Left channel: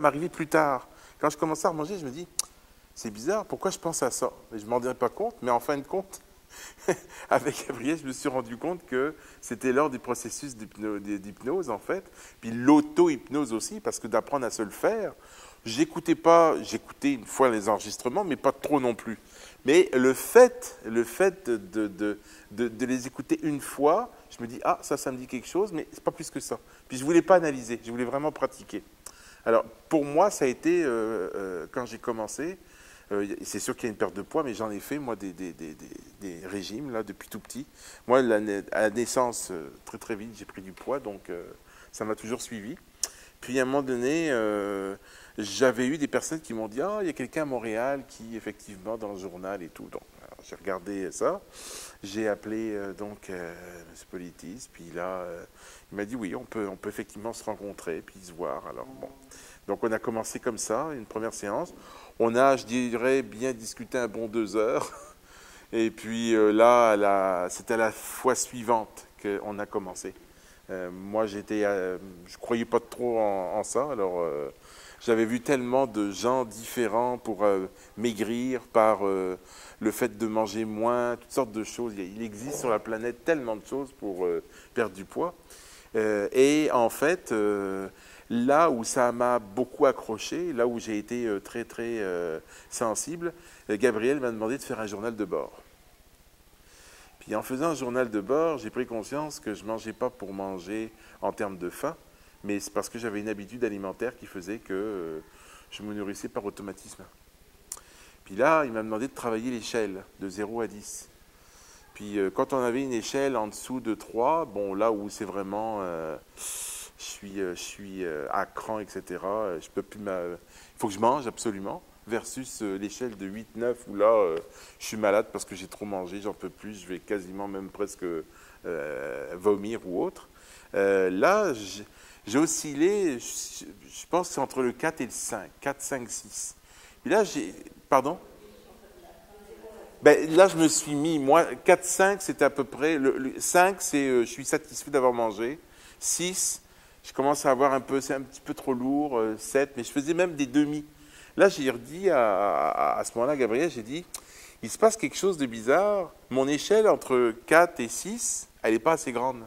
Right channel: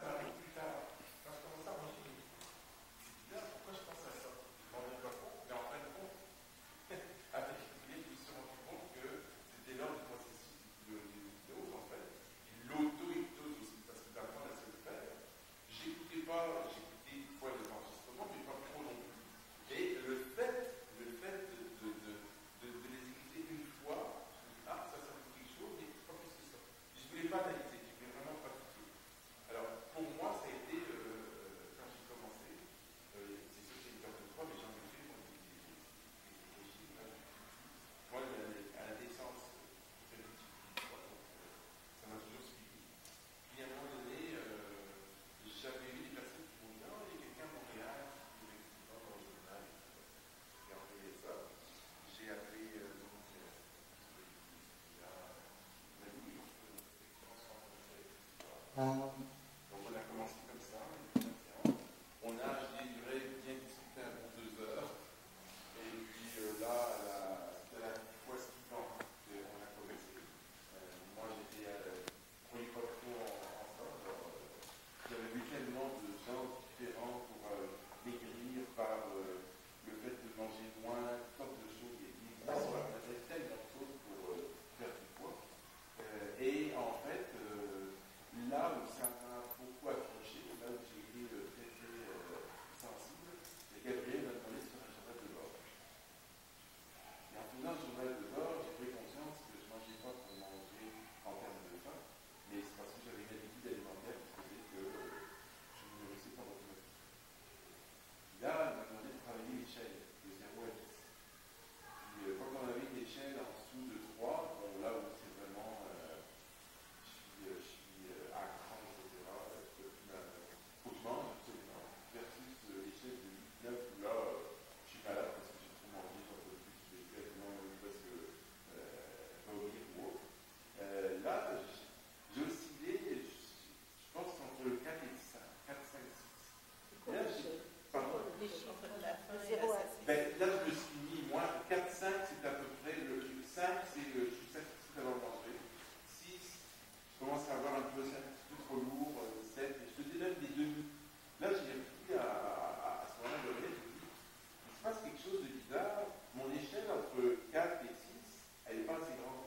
m'arrivait plus tard. Quand je commençais à manger, je me dis, c'est bizarre, pourquoi je pense à ça? Je ne m'en rendais pas compte, mais en fin de compte, avec Gabriel, je me suis rendu compte que c'était lors du processus d'hypnose, en fait, puis l'auto-hypnose aussi, parce que d'apprendre à se le faire, j'écoutais une fois les enregistrements, mais pas trop non plus. Mais le fait de les écouter une fois, je me dis, ah, ça me dit quelque chose, mais c'est pas plus que ça. Puis je ne voulais pas analyser, je voulais vraiment pratiquer. Alors, pour moi, ça a été, quand j'ai commencé, c'est sûr qu'il y a une perte de poids, mais j'en ai fait, moi, des régimes, là, depuis tout petit. Moi, à la naissance, très, très vite, j'ai pris du poids, donc ça m'a toujours suivi. Puis, à un moment donné, j'avais eu des personnes qui m'ont dit, ah, il y a quelqu'un à Montréal qui, effectivement, dans le journal et tout. Donc, j'ai regardé ça. J'ai appelé, M. Politis, puis là, il m'a dit, oui, on peut effectivement se rencontrer, puis se voir. Alors, bon. Donc, on a commencé comme ça, une première séance. On a, je dirais, bien discuté un bon 2 heures. Et puis là, c'était à la fois suivante qu'on a commencé. Moi, je ne croyais pas trop en ça. Alors, j'avais vu tellement de gens différents pour maigrir par le fait de manger moins, toutes sortes de choses. Il existe sur la planète tellement de choses pour perdre du poids. Et en fait, là où ça m'a beaucoup accroché, là où j'ai été très, très sensible, Gabriel m'a demandé de faire un journal de bord. Puis en faisant un journal de bord, j'ai pris conscience que je ne mangeais pas pour manger en termes de faim, mais c'est parce que j'avais une habitude alimentaire qui faisait que je me nourrissais par automatisme. Puis là, il m'a demandé de travailler l'échelle de 0 à 10. Puis quand on avait une échelle en dessous de 3, bon, là où c'est vraiment... je suis à cran, etc. Je peux plus il faut que je mange absolument, versus l'échelle de 8-9 où là, je suis malade parce que j'ai trop mangé, j'en peux plus, je vais quasiment même presque vomir ou autre. Là, j'ai oscillé, je pense que c'est entre le 4 et le 5, 4, 5, 6. Et là, pardon? Ben, là, je me suis mis, moi, 4, 5, c'était à peu près, le 5, c'est je suis satisfait d'avoir mangé, 6, je commence à avoir c'est un petit peu trop lourd, 7, mais je faisais même des demi. Là, j'ai redit à ce moment-là, Gabriel, j'ai dit, il se passe quelque chose de bizarre, mon échelle entre 4 et 6, elle n'est pas assez grande,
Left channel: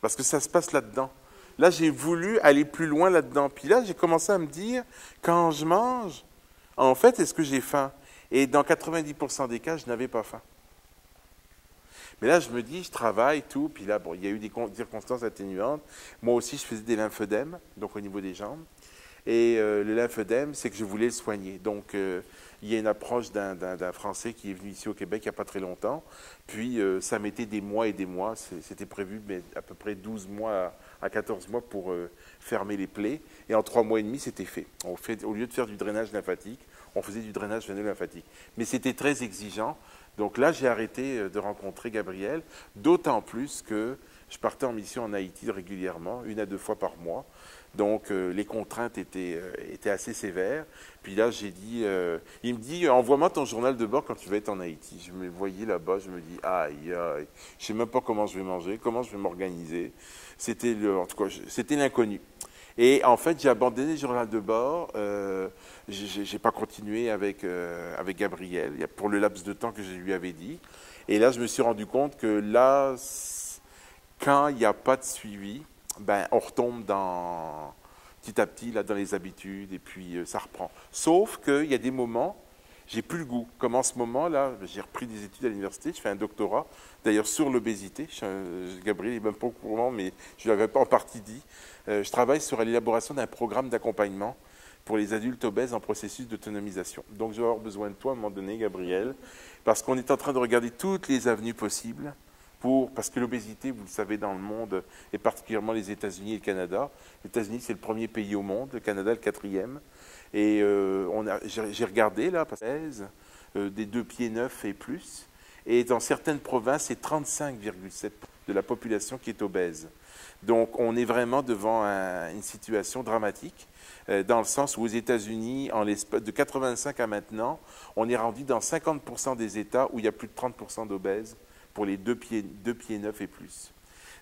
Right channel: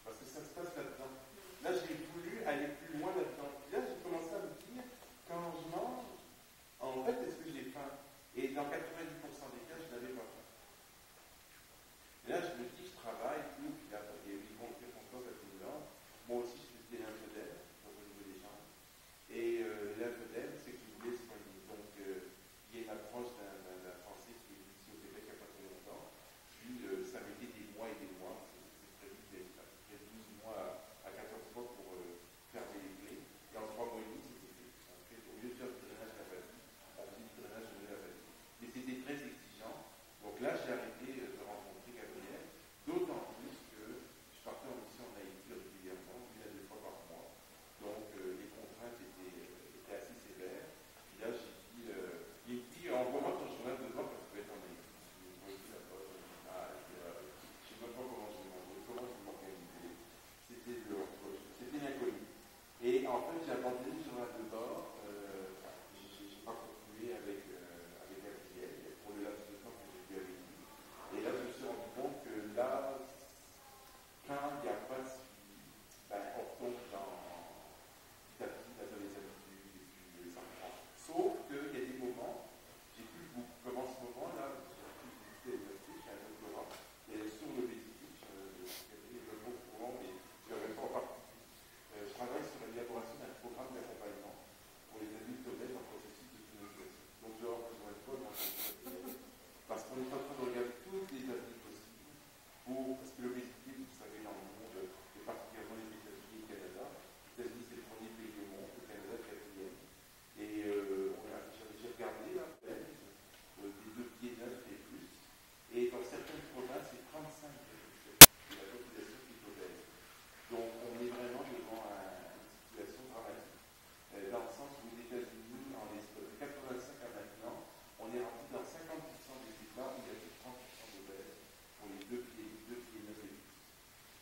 parce que ça se passe là-dedans. Là, j'ai voulu aller plus loin là-dedans, puis là, j'ai commencé à me dire, quand je mange, en fait, est-ce que j'ai faim? Et dans 90% des cas, je n'avais pas faim. Mais là, je me dis, je travaille, tout, puis là, bon, il y a eu des circonstances atténuantes. Moi aussi, je faisais des lymphodèmes, donc au niveau des jambes. Et le lymphodème, c'est que je voulais le soigner. Donc, il y a une approche d'un Français qui est venu ici au Québec il n'y a pas très longtemps. Puis, ça mettait des mois et des mois. C'était prévu mais à peu près 12 mois à 14 mois pour fermer les plaies. Et en 3 mois et demi, c'était fait. Au lieu de faire du drainage lymphatique, on faisait du drainage veino-lymphatique. Mais c'était très exigeant. Donc là, j'ai arrêté de rencontrer Gabriel, d'autant plus que je partais en mission en Haïti régulièrement, 1 à 2 fois par mois. Donc les contraintes étaient assez sévères. Puis là, j'ai dit, il me dit, envoie-moi ton journal de bord quand tu vas être en Haïti. Je me voyais là-bas, je me dis, aïe, aïe, je ne sais même pas comment je vais manger, comment je vais m'organiser. En tout cas, c'était l'inconnu. Et en fait, j'ai abandonné le journal de bord. Je n'ai pas continué avec Gabriel pour le laps de temps que je lui avais dit. Et là, je me suis rendu compte que là, quand il n'y a pas de suivi, ben, on retombe petit à petit là, dans les habitudes et puis ça reprend. Sauf qu'il y a des moments, j'ai plus le goût. Comme en ce moment-là, j'ai repris des études à l'université, je fais un doctorat, d'ailleurs sur l'obésité. Gabriel n'est même pas au courant, mais je ne l'avais pas en partie dit. Je travaille sur l'élaboration d'un programme d'accompagnement pour les adultes obèses en processus d'autonomisation. Donc, je vais avoir besoin de toi à un moment donné, Gabriel, parce qu'on est en train de regarder toutes les avenues possibles parce que l'obésité, vous le savez, dans le monde, et particulièrement les États-Unis et le Canada. Les États-Unis, c'est le premier pays au monde, le Canada, le 4e. Et j'ai regardé, là, des 2 pieds 9 et plus. Et dans certaines provinces, c'est 35,7% de la population qui est obèse. Donc, on est vraiment devant une situation dramatique, dans le sens où aux États-Unis, de 85 à maintenant, on est rendu dans 50% des États où il y a plus de 30% d'obèses pour les 2 pieds 9 et plus.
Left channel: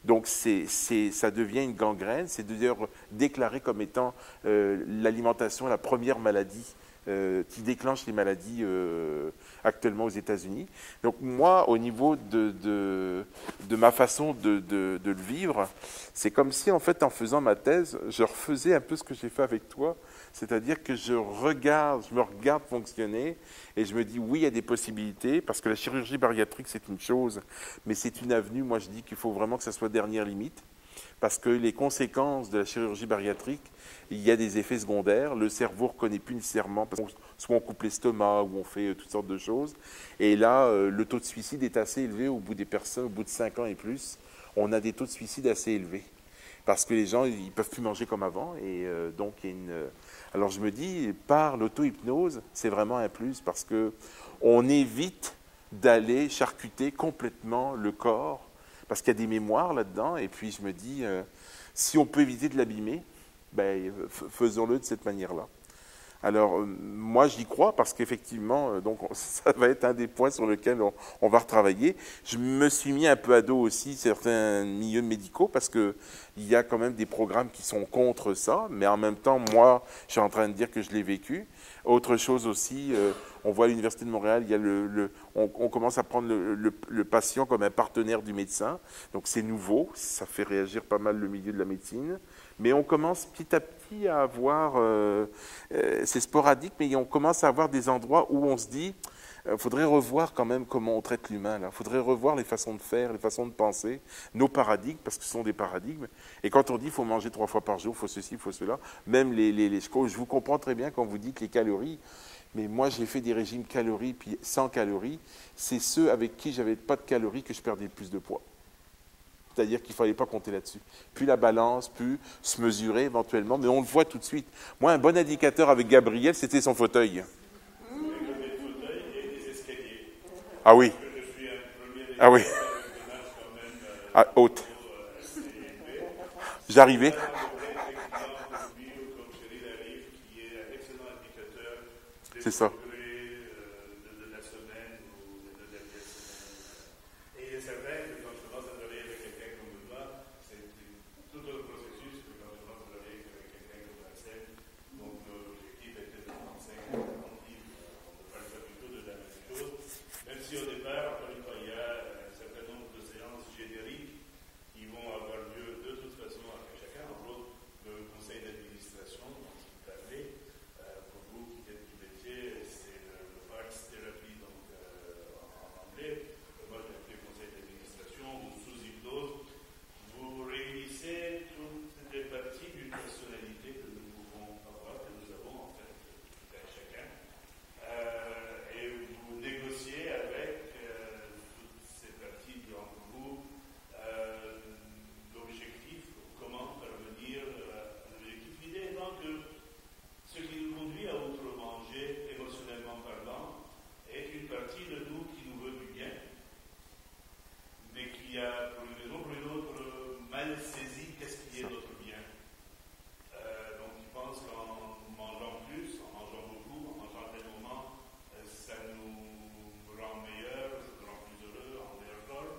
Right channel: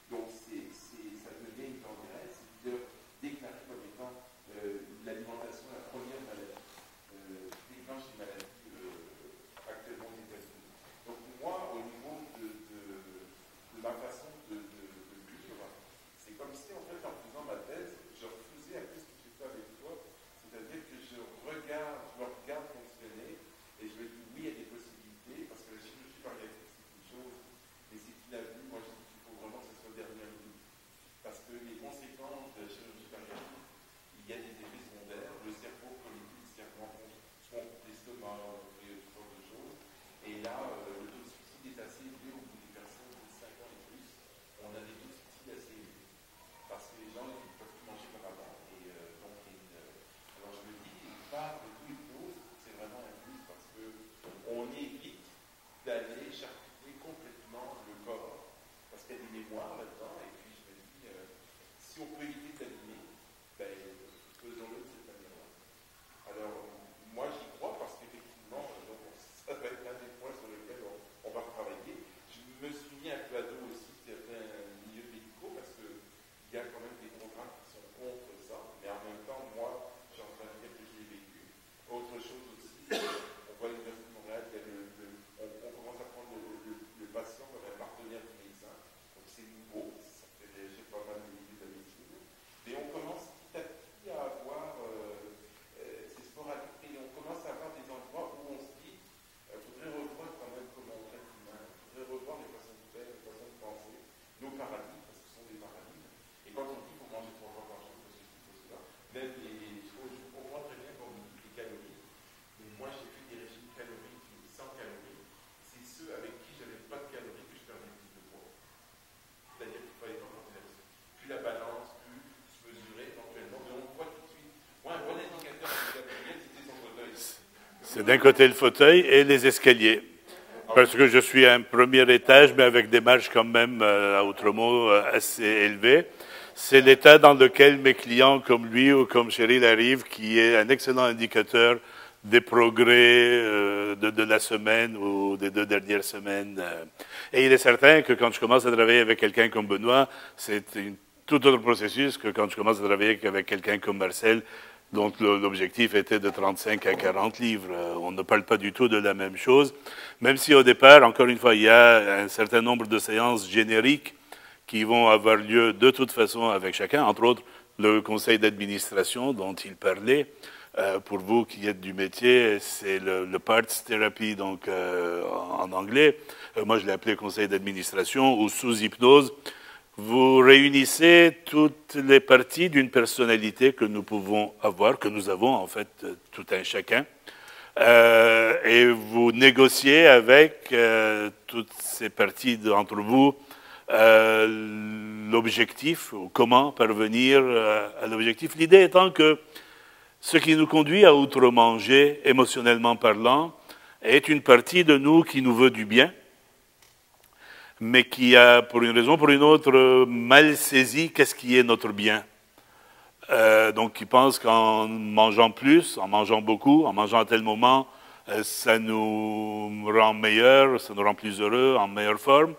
Donc ça devient une gangrène, c'est d'ailleurs déclaré comme étant l'alimentation la première maladie qui déclenche les maladies actuellement aux États-Unis. Donc moi, au niveau de ma façon de le vivre, c'est comme si en fait en faisant ma thèse, je refaisais un peu ce que j'ai fait avec toi, c'est-à-dire que je me regarde fonctionner et je me dis oui, il y a des possibilités, parce que la chirurgie bariatrique c'est une chose, mais c'est une avenue, moi je dis qu'il faut vraiment que ça soit dernière limite, parce que les conséquences de la chirurgie bariatrique, il y a des effets secondaires, le cerveau ne reconnaît plus nécessairement, parce soit on coupe l'estomac, ou on fait toutes sortes de choses, et là, le taux de suicide est assez élevé au bout des personnes, au bout de 5 ans et plus, on a des taux de suicide assez élevés, parce que les gens, ils ne peuvent plus manger comme avant, et donc il y a une... Alors je me dis, par l'auto-hypnose, c'est vraiment un plus, parce qu'on évite d'aller charcuter complètement le corps, parce qu'il y a des mémoires là-dedans, et puis je me dis, si on peut éviter de l'abîmer, ben, faisons-le de cette manière-là. Alors, moi, j'y crois parce qu'effectivement, donc, ça va être un des points sur lesquels on va retravailler. Je me suis mis un peu à dos aussi certains milieux médicaux parce qu'il y a quand même des programmes qui sont contre ça, mais en même temps, moi, je suis en train de dire que je l'ai vécu. Autre chose aussi, on voit à l'Université de Montréal, il y a on commence à prendre le patient comme un partenaire du médecin. Donc, c'est nouveau, ça fait réagir pas mal le milieu de la médecine. Mais on commence petit à petit à avoir, c'est sporadique, mais on commence à avoir des endroits où on se dit, il faudrait revoir quand même comment on traite l'humain. Il faudrait revoir les façons de faire, les façons de penser, nos paradigmes, parce que ce sont des paradigmes. Et quand on dit qu'il faut manger 3 fois par jour, il faut ceci, il faut cela, même je vous comprends très bien quand vous dites les calories, mais moi j'ai fait des régimes calories puis sans calories, c'est ceux avec qui j'avais pas de calories que je perdais le plus de poids. C'est-à-dire qu'il ne fallait pas compter là-dessus. Puis la balance, puis se mesurer éventuellement, mais on le voit tout de suite. Moi, un bon indicateur avec Gabriel, c'était son fauteuil. C'est d'un côté le fauteuil et les escaliers. Ah Parce oui. que je suis à un premier étage, oui. mais avec des marches quand même, autrement, assez élevées. C'est J'arrivais. l'état dans lequel mes clients, comme lui ou comme Cheryl, arrivent, qui est un excellent indicateur des progrès de la semaine ou des 2 dernières semaines. Et il est certain que quand je commence à travailler avec quelqu'un comme Benoît, c'est un tout autre processus que quand je commence à travailler avec quelqu'un comme Marcel, dont l'objectif était de 35 à 40 livres. On ne parle pas du tout de la même chose, même si au départ, encore une fois, il y a un certain nombre de séances génériques qui vont avoir lieu de toute façon avec chacun, entre autres le conseil d'administration dont il parlait. Pour vous qui êtes du métier, c'est le Parts Therapy, donc en anglais. Moi, je l'ai appelé conseil d'administration ou sous hypnose. Vous réunissez toutes les parties d'une personnalité que nous pouvons avoir, que nous avons en fait tout un chacun, et vous négociez avec toutes ces parties d'entre vous l'objectif, ou comment parvenir à l'objectif. L'idée étant que ce qui nous conduit à outre-manger, émotionnellement parlant, est une partie de nous qui nous veut du bien, mais qui a, pour une raison ou pour une autre, mal saisi qu'est-ce qui est notre bien. Donc, qui pense qu'en mangeant plus, en mangeant beaucoup, en mangeant à tel moment, ça nous rend meilleurs, ça nous rend plus heureux, en meilleure forme.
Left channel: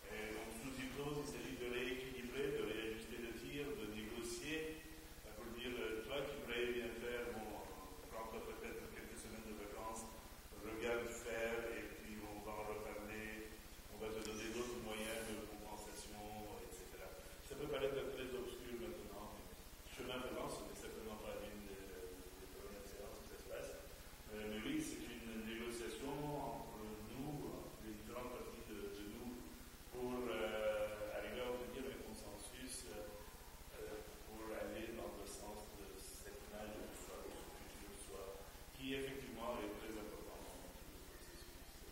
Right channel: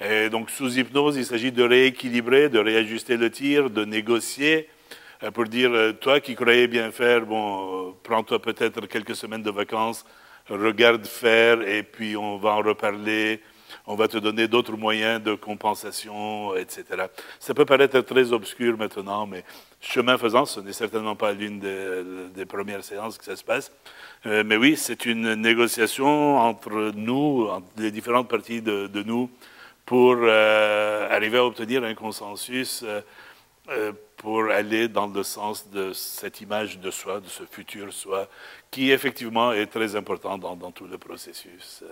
Et donc, sous hypnose, il s'agit de rééquilibrer, de réajuster le tir, de négocier, pour dire, toi qui croyais bien faire, bon, prends-toi peut-être quelques semaines de vacances, regarde faire, et puis on va en reparler. On va te donner d'autres moyens de compensation, etc. Ça peut paraître très obscur maintenant, mais chemin faisant, ce n'est certainement pas l'une des premières séances que ça se passe. Mais oui, c'est une négociation entre nous, entre les différentes parties de nous, pour arriver à obtenir un consensus pour aller dans le sens de cette image de soi, de ce futur soi, qui effectivement est très important dans tout le processus.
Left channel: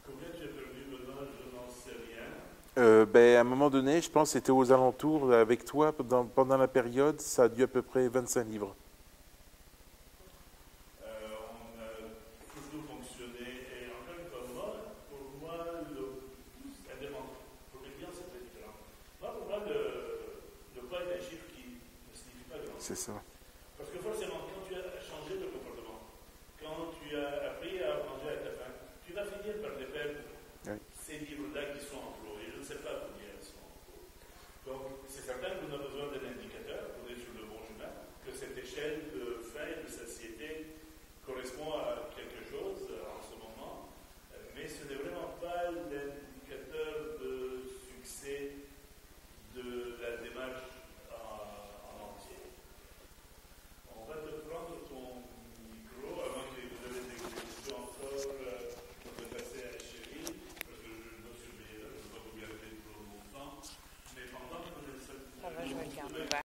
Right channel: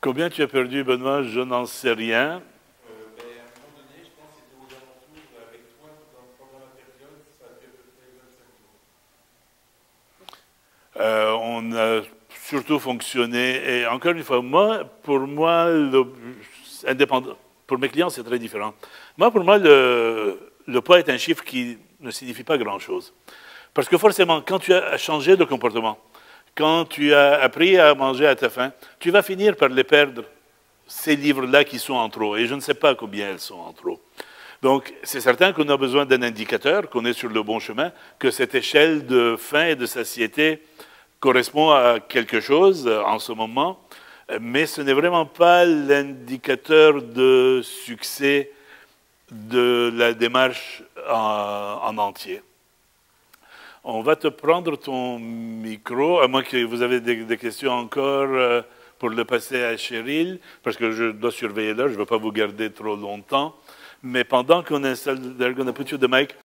Combien tu as perdu, Benoît? Je n'en sais rien. À un moment donné, je pense que c'était aux alentours, avec toi, pendant la période, ça a dû à peu près 25 livres. On a surtout fonctionné, et encore une fois, pour moi, indépendant, pour mes clients, c'est très différent. Pour moi, le poids est un chiffre qui ne signifie pas grand-chose. Parce que forcément, quand tu as changé de comportement, quand tu as appris à manger à ta faim, tu vas finir par les perdre. ces livres-là qui sont en trop. Et je ne sais pas combien elles sont en trop. Donc, c'est certain qu'on a besoin d'un indicateur, qu'on est sur le bon chemin, que cette échelle de faim et de satiété correspond à quelque chose en ce moment, mais ce n'est vraiment pas l'indicateur de succès de la démarche en entier. On va te prendre ton micro, à moins que vous avez des questions encore pour le passer à Cheryl, parce que je dois surveiller l'heure, je ne veux pas vous garder trop longtemps. Mais pendant qu'on installe, they're going to put you the mic.